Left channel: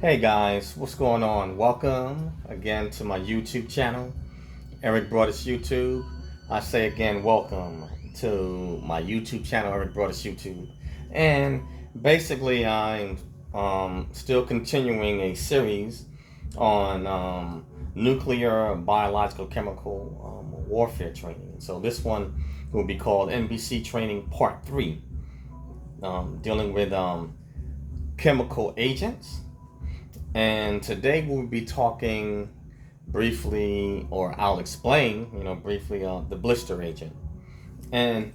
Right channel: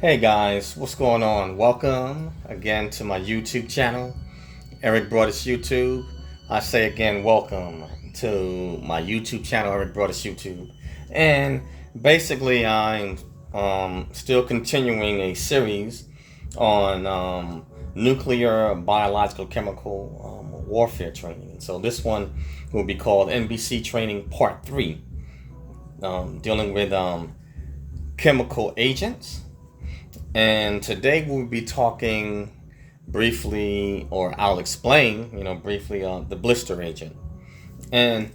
Hey guys, what's going on? Welcome again to my YouTube channel, Eric Broadus YouTube. I say again, welcome to my YouTube channel, Eric Broadus YouTube. And basically, I'm still continuing a series on nuclear, biological, chemical warfare training. And so this one will be called NBC Training Part 3, dealing with chemical agents. And today we'll be talking briefly, or I'll explain, briefly, the blister agent. And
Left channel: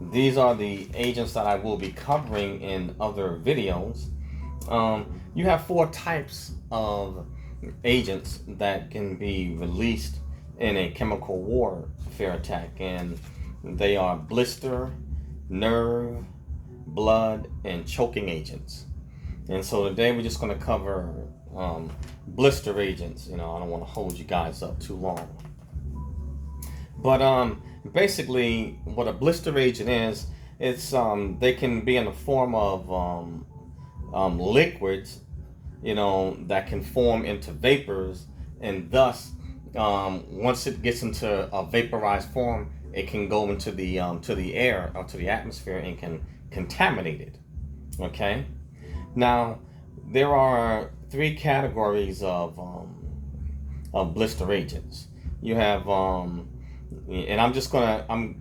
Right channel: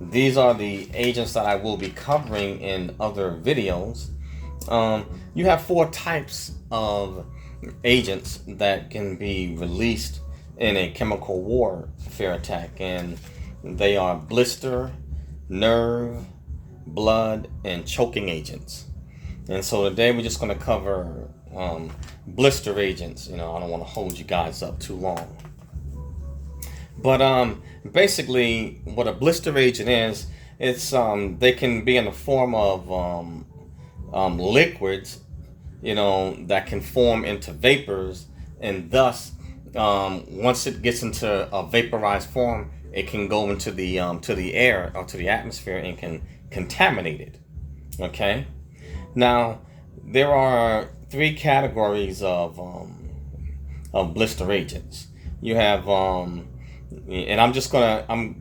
these are the agents that I will be covering in other videos. You have four types of agents that can be released in a chemical warfare attack, and they are blister, nerve, blood, and choking agents. And so today we're just going to cover blister agents. I don't want to hold you guys up too long. But basically, what a blister agent is, it's they can be in the form of liquids, that can form into vapors, and thus, once it gets into a vaporized form, it can go into the to the air or to the atmosphere and can contaminate it. Okay. Now, there are three categories of blister agents. You have, and I'm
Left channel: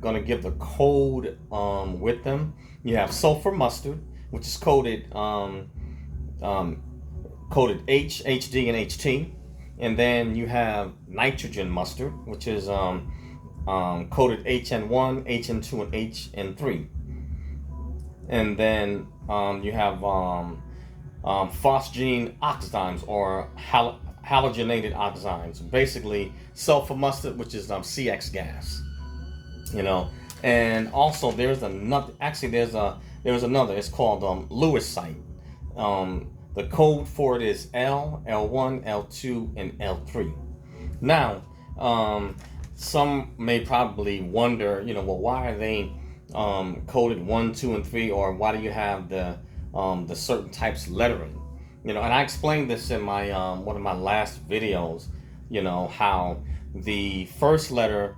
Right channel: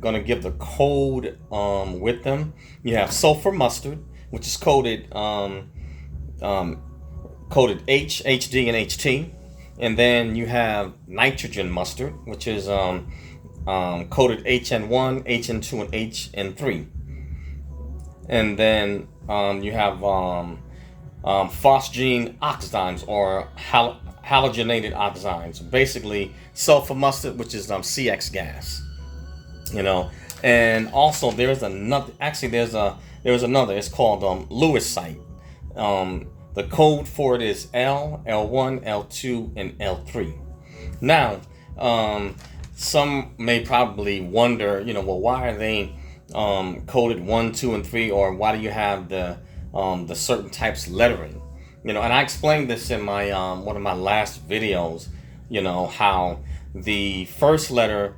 gonna give the code with them. You have sulfur mustard, which is coded H, HD, and HT, and then you have nitrogen mustard, which is coded HN1, HN2, and HN3. And then you have phosgene oxides, or halogenated oxides. Basically, sulfur mustard, which is CX gas. And also there's another. Actually, there's another. It's called lewisite. The code for it is L, L1, L2, and L3. Now, some may probably wonder, well, why are they coded 1, 2, and 3, or why do you have the certain types of lettering? And I explained this in my one of my last videos. How the first letter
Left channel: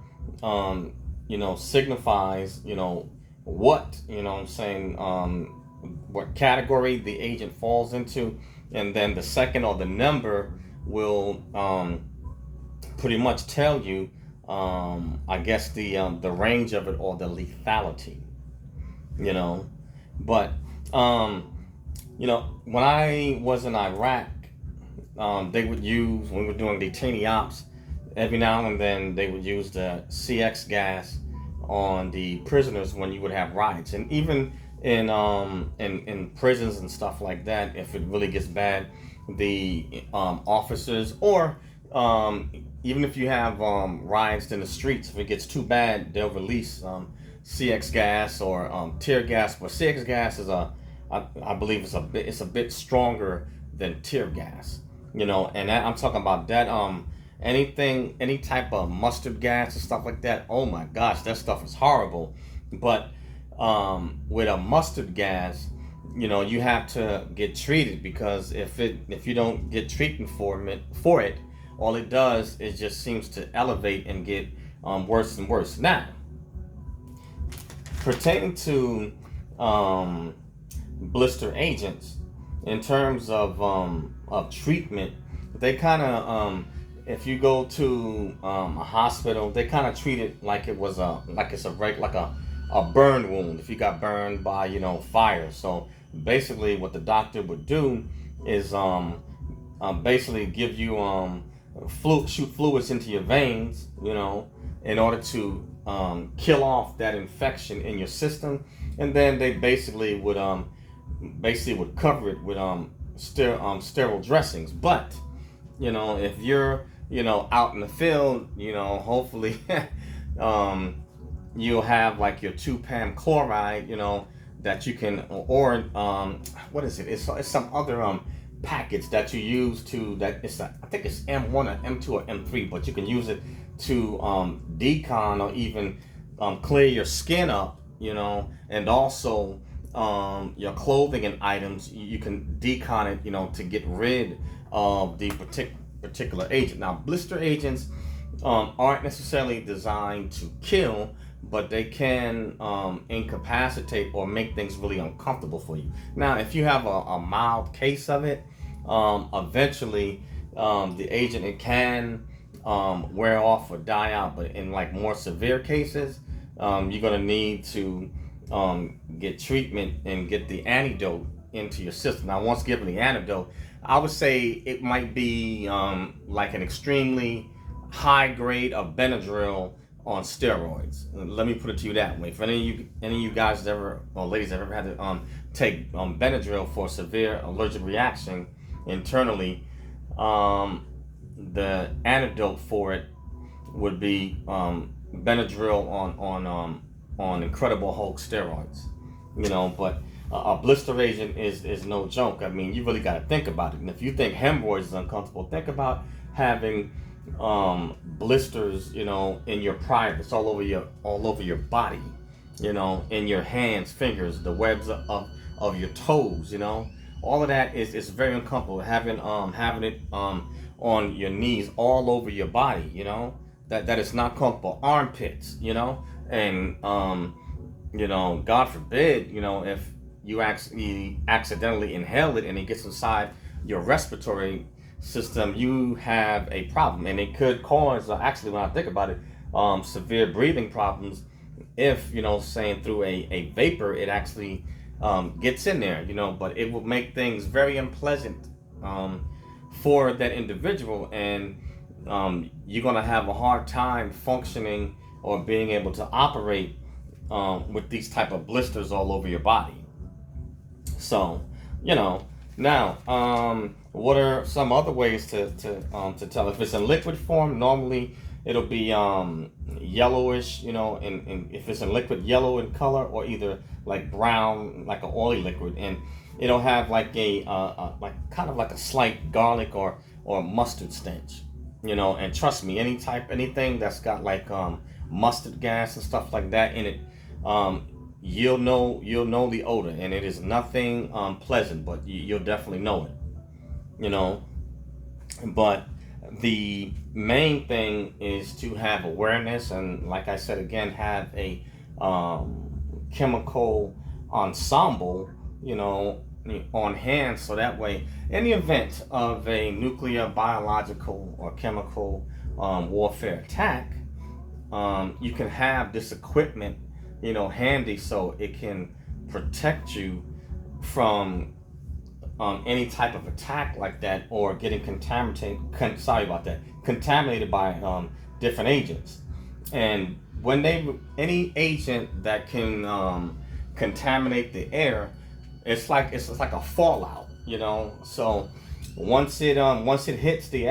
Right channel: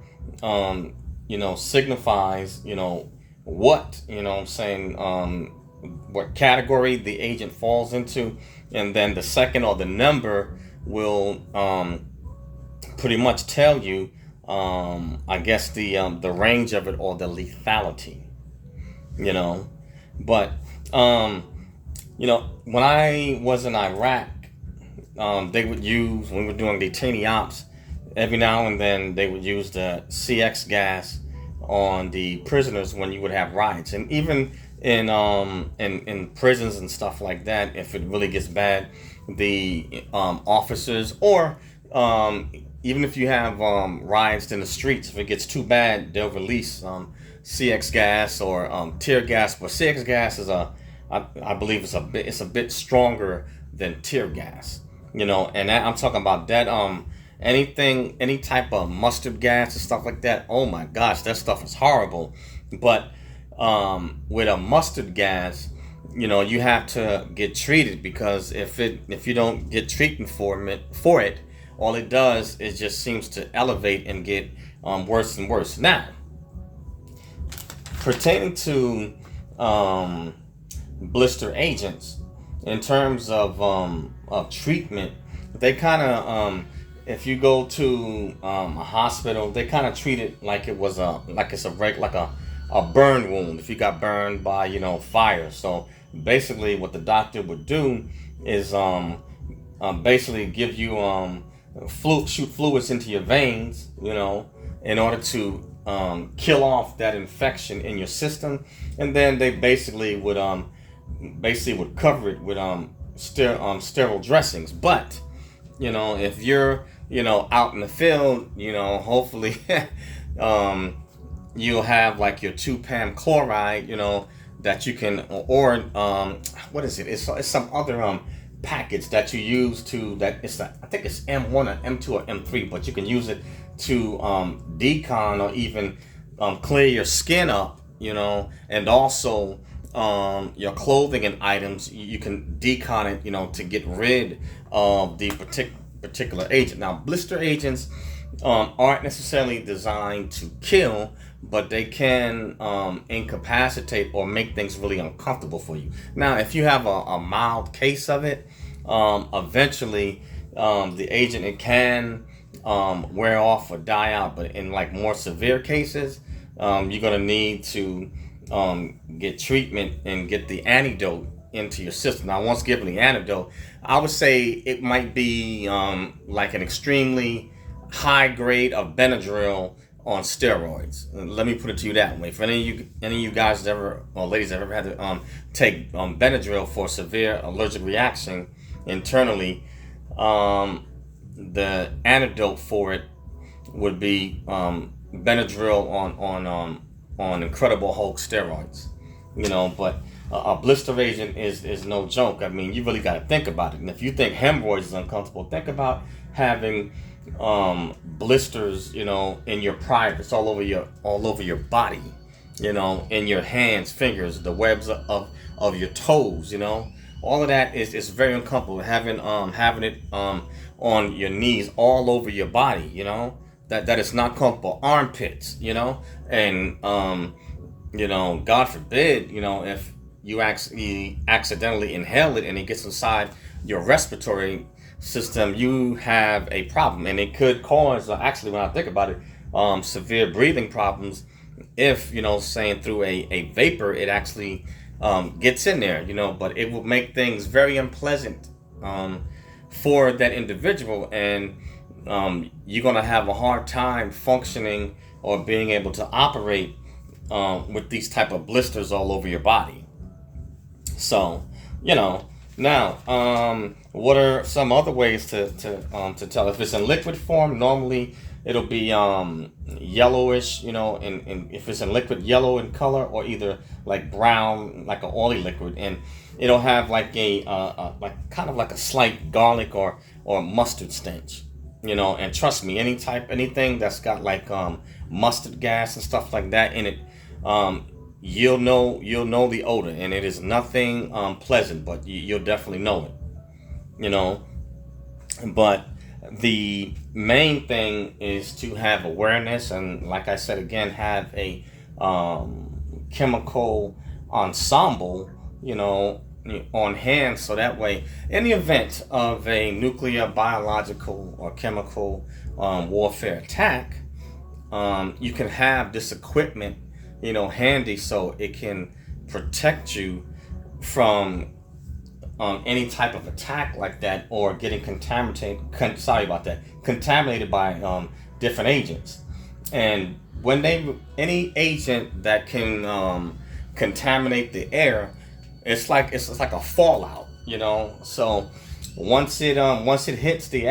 signifies what I'm saying, what category the agent falls into, and then the second, or the number, will pretty much tell you I guess the range of it, or the lethality. But when I was in Iraq, they would use, when we were doing detainee ops, every now and then they would use the CX gas on the prisoners when you would have riots. And even in prisons and stuff like that, if it really gets bad, the officers, or even if you have riots in the streets, if it gets too bad, they'll release CX gas or tear gas. But CX gas is I believe it's a bit stronger than tear gas. And I'm talking about that any type of mustard gas and stuff like that. Oh my gosh, that stuff is horrible. But with a mustard gas, you have to get treated, because if you don't get treatment for it, all it does is just seems to elevate and get worse and worse. Now, pertaining to blister agents, in terms of treatment, they kind of if you go to a hospital, they kind of treat it like it's a burn wound. If you got burned by fire, so basically what the doctor would do is basically give you shoot fluids into your veins, in order to kill off that infection in your system, and then they basically would cover it with sterile dressings. But if you're out in the field, hopefully you'll have like your 2-Pam chloride, that you can, or what is it? It's some other package that you use to, I think it's M1 or M2 or M3, but you can use it to decon or even clear your skin up, and also your clothing and items, you can decon it, to get rid of the particular agent. Now, blister agents aren't necessarily designed to kill, but they can incapacitate or make things really uncomfortable for you. Now, if you have a mild case of it, eventually the agent, it can wear off or die out. But in like more severe cases, you're gonna need to get treatment and get the antidote into your system. Now, once given the antidote, I would say it might be like an extremely high grade of Benadryl on steroids. Let me put it to you that way. If any of you guys ever, or ladies have ever had to take Benadryl for severe allergic reaction internally, the antidote for it would be Benadryl on Incredible Hulk steroids. But a blister agent is no joke. I mean, you really got to think about it. And if you think hemorrhoids is uncomfortable, think about having blisters, in your privates, all over your body, in your hands, fingers, the webs of your toes, all of that is very uncomfortable. Having it on your knees, all over your body, that is not comfortable. Armpits, and God forbid, if you actually accidentally inhale it and it gets inside your respiratory system, you have a problem, and it could cause, actually, when I think about it, severe breathing problems. If saying through a vapor, it actually gets in there, but it will make things very unpleasant for that individual, and you're gonna have a hard time functioning or being able to operate with these type of blisters all over your body. So, now, what are some other ways to tell? If it's in liquid form, normally it'll be yellowish, and if it's in liquid, yellow in color, or either like brown, like an oily liquid, and it'll have like like kind of like a slight garlic or mustard stench, And trust me, anything that's got like mustard gas and stuff like that in it, you'll know the odor, and it is nothing pleasant, but you'll definitely know it, But the main thing is to have awareness, and like I said again, have a chemical ensemble, on hand, so that way, in the event of a nuclear, biological, or chemical warfare attack, you can have this equipment handy, so it can protect you from any type of attack like that, or getting contaminated by different agents. And when any agent that can contaminate the air, it's like a fallout, So once it hits the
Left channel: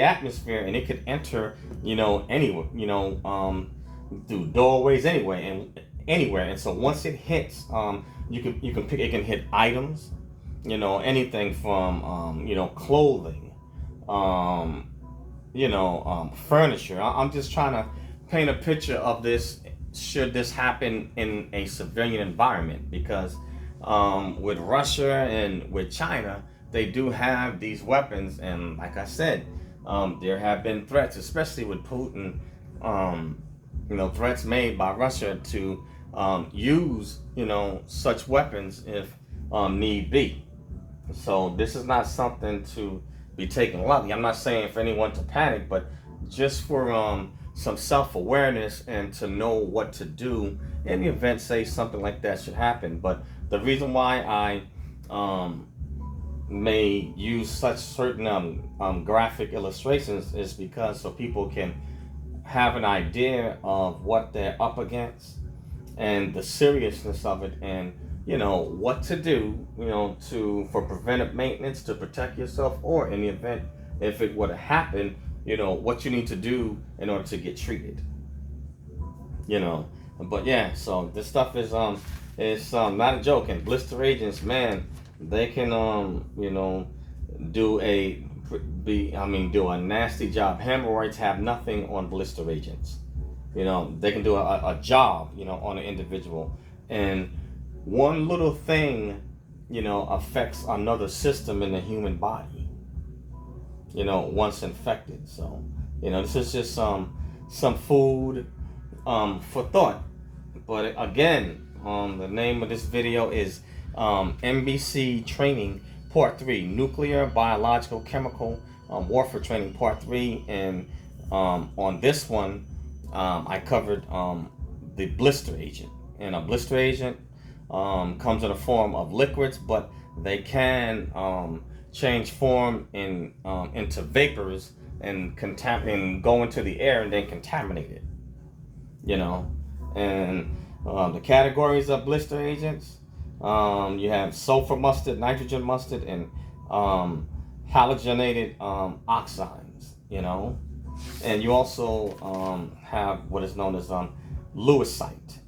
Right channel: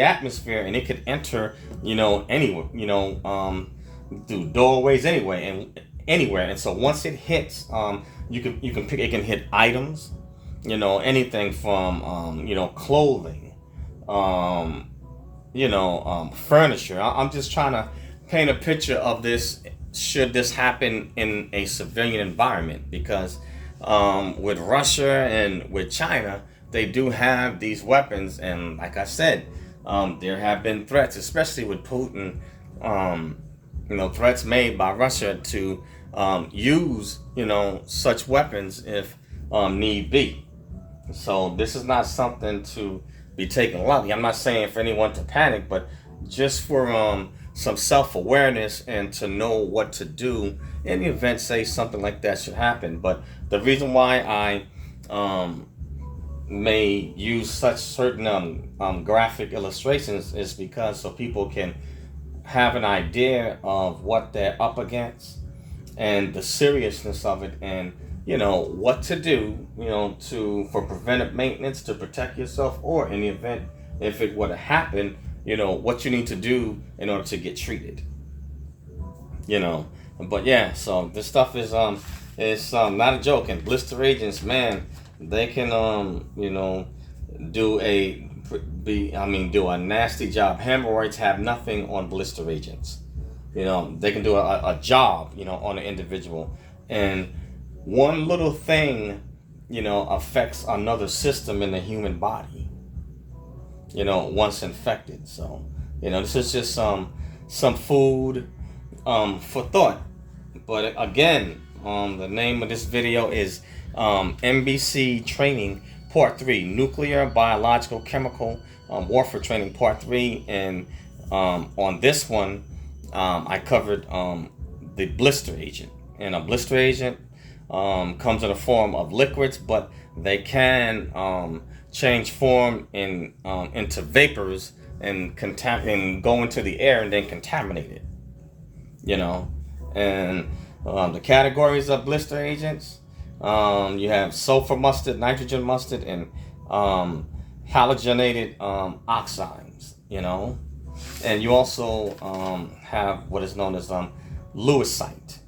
atmosphere, and it could enter anywhere, through doorways anywhere. And so once it hits, you can pick. It can hit items, anything from clothing, furniture. I'm just trying to paint a picture of this should this happen in a civilian environment, because with Russia and with China, they do have these weapons, and like I said, there have been threats, especially with Putin. Threats made by Russia to use, such weapons if need be. So this is not something to be taken lightly. I'm not saying for anyone to panic, but just for some self-awareness and to know what to do in the event, say, something like that should happen. But the reason why I may use such certain graphic illustrations is because so people can have an idea of what they're up against and the seriousness of it, and what to do, for preventive maintenance, to protect yourself, or in the event if it were to happen, what you need to do in order to get treated. But yeah, so this stuff is not a joke. And blister agents, man, they can do a nasty job. Hemorrhoids have nothing on blister agents. They can do a job, on an individual. And one little thing, affects another system in the human body, once infected. So, this is just some food for thought. But again, the name of this video is NBC Training Part 3, Nuclear, Biological, Chemical Warfare Training Part 3. And on this one, I covered the blister agent. And a blister agent comes in the form of liquids, but they can change form into vapors and go into the air and then contaminate it. And the categories of blister agents, you have sulfur mustard, nitrogen mustard, and halogenated oxides, and you also have what is known as lewisite,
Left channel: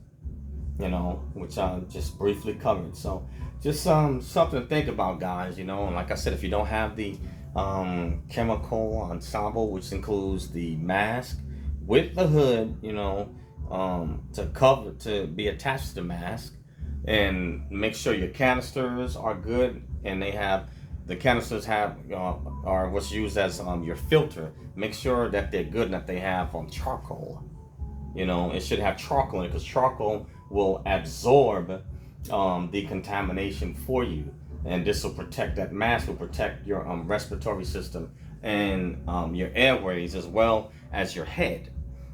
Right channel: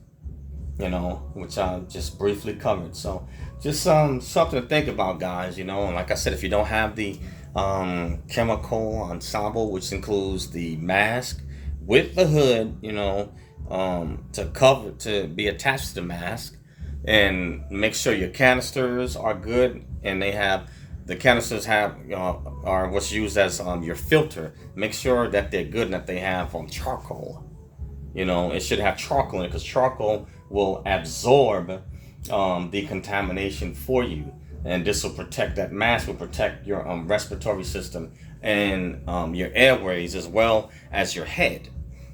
which I just briefly covered. So just something to think about, guys, and like I said, if you don't have the chemical ensemble, which includes the mask with the hood, to be attached to the mask, and make sure your canisters are good, and the canisters are what's used as your filter. Make sure that they're good and that they have charcoal. It should have charcoal in it, because charcoal will absorb the contamination for you, and this will protect, that mask will protect your respiratory system and your airways, as well as your head.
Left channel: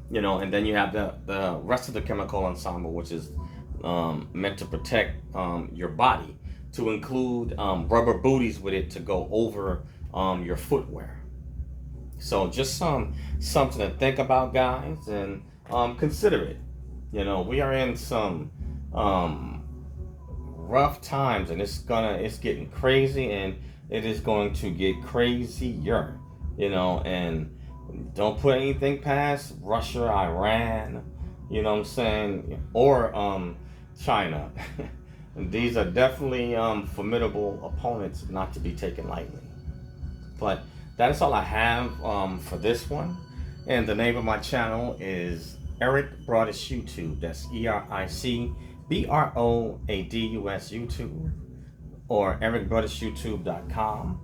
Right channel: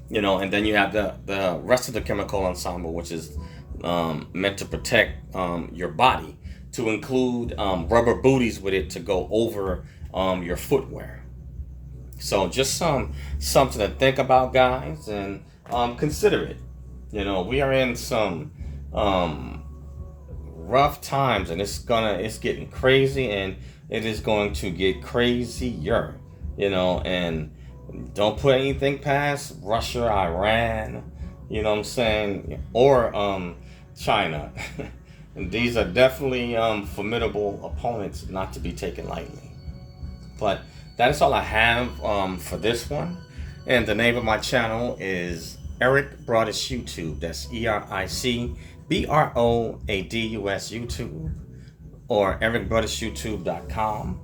And then you have the rest of the chemical ensemble, which is meant to protect your body, to include rubber booties with it to go over your footwear. So just something to think about, guys, and consider it. We are in some rough times, and it's getting crazy, and it is going to get crazier. And don't put anything past Russia, Iran, or China. And these are definitely formidable opponents, not to be taken lightly. But that is all I have for this one. And the name of my channel is Eric Broadus YouTube. That's EricBroadus YouTube, or ericbroadusyoutube.com.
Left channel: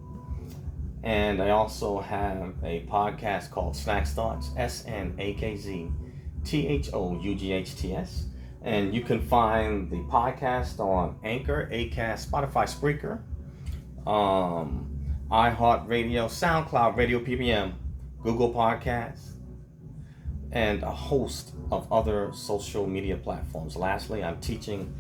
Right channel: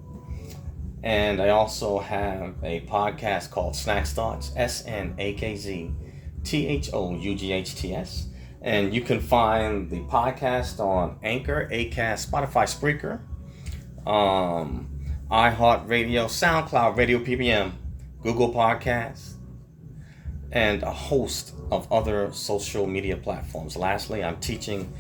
And I also have a podcast called Snacks Thoughts, SNAKZTHOUGHTS. And you can find the podcast on Anchor, Acast, Spotify, Spreaker, iHeartRadio, SoundCloud, Radio PBM, Google Podcasts, and a host of other social media platforms. Lastly, I'm teaching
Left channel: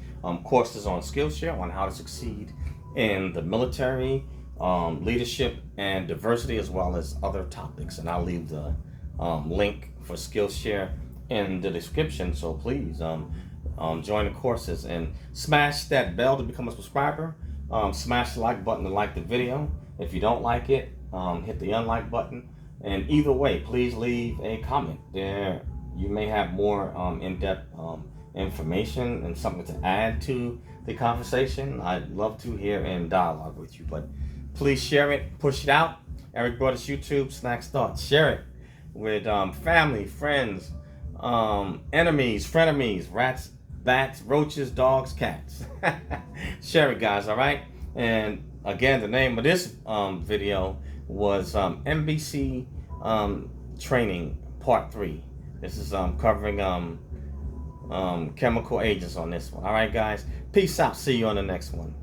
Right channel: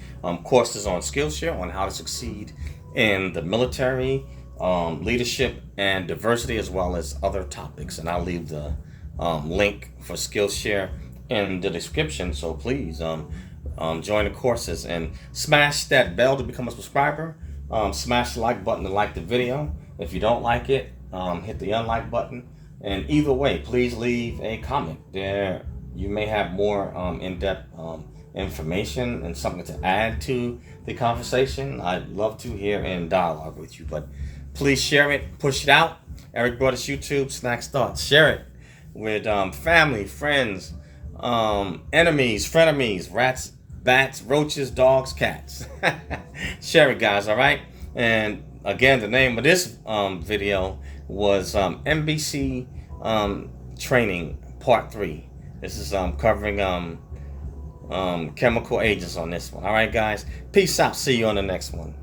courses on Skillshare on how to succeed in the military, leadership, and diversity, as well as other topics. And I'll leave the link for Skillshare in the description. So please join the courses and smash that bell to become a subscriber. Smash the like button to like the video. If you don't like it, hit the unlike button. And either way, please leave a comment. There, you may have more in-depth information and something to add to the conversation. I'd love to hear and dialogue with you. But please share it, push it out. Eric Broadus YouTube, Snacks Thoughts. Share it with family, friends, enemies, frenemies, rats, bats, roaches, dogs, cats. Share it, guys, all right? And again, the name of this video was NBC Training Part 3. This is covering chemical agents on this one. All right, guys? Peace out. See you on the next one.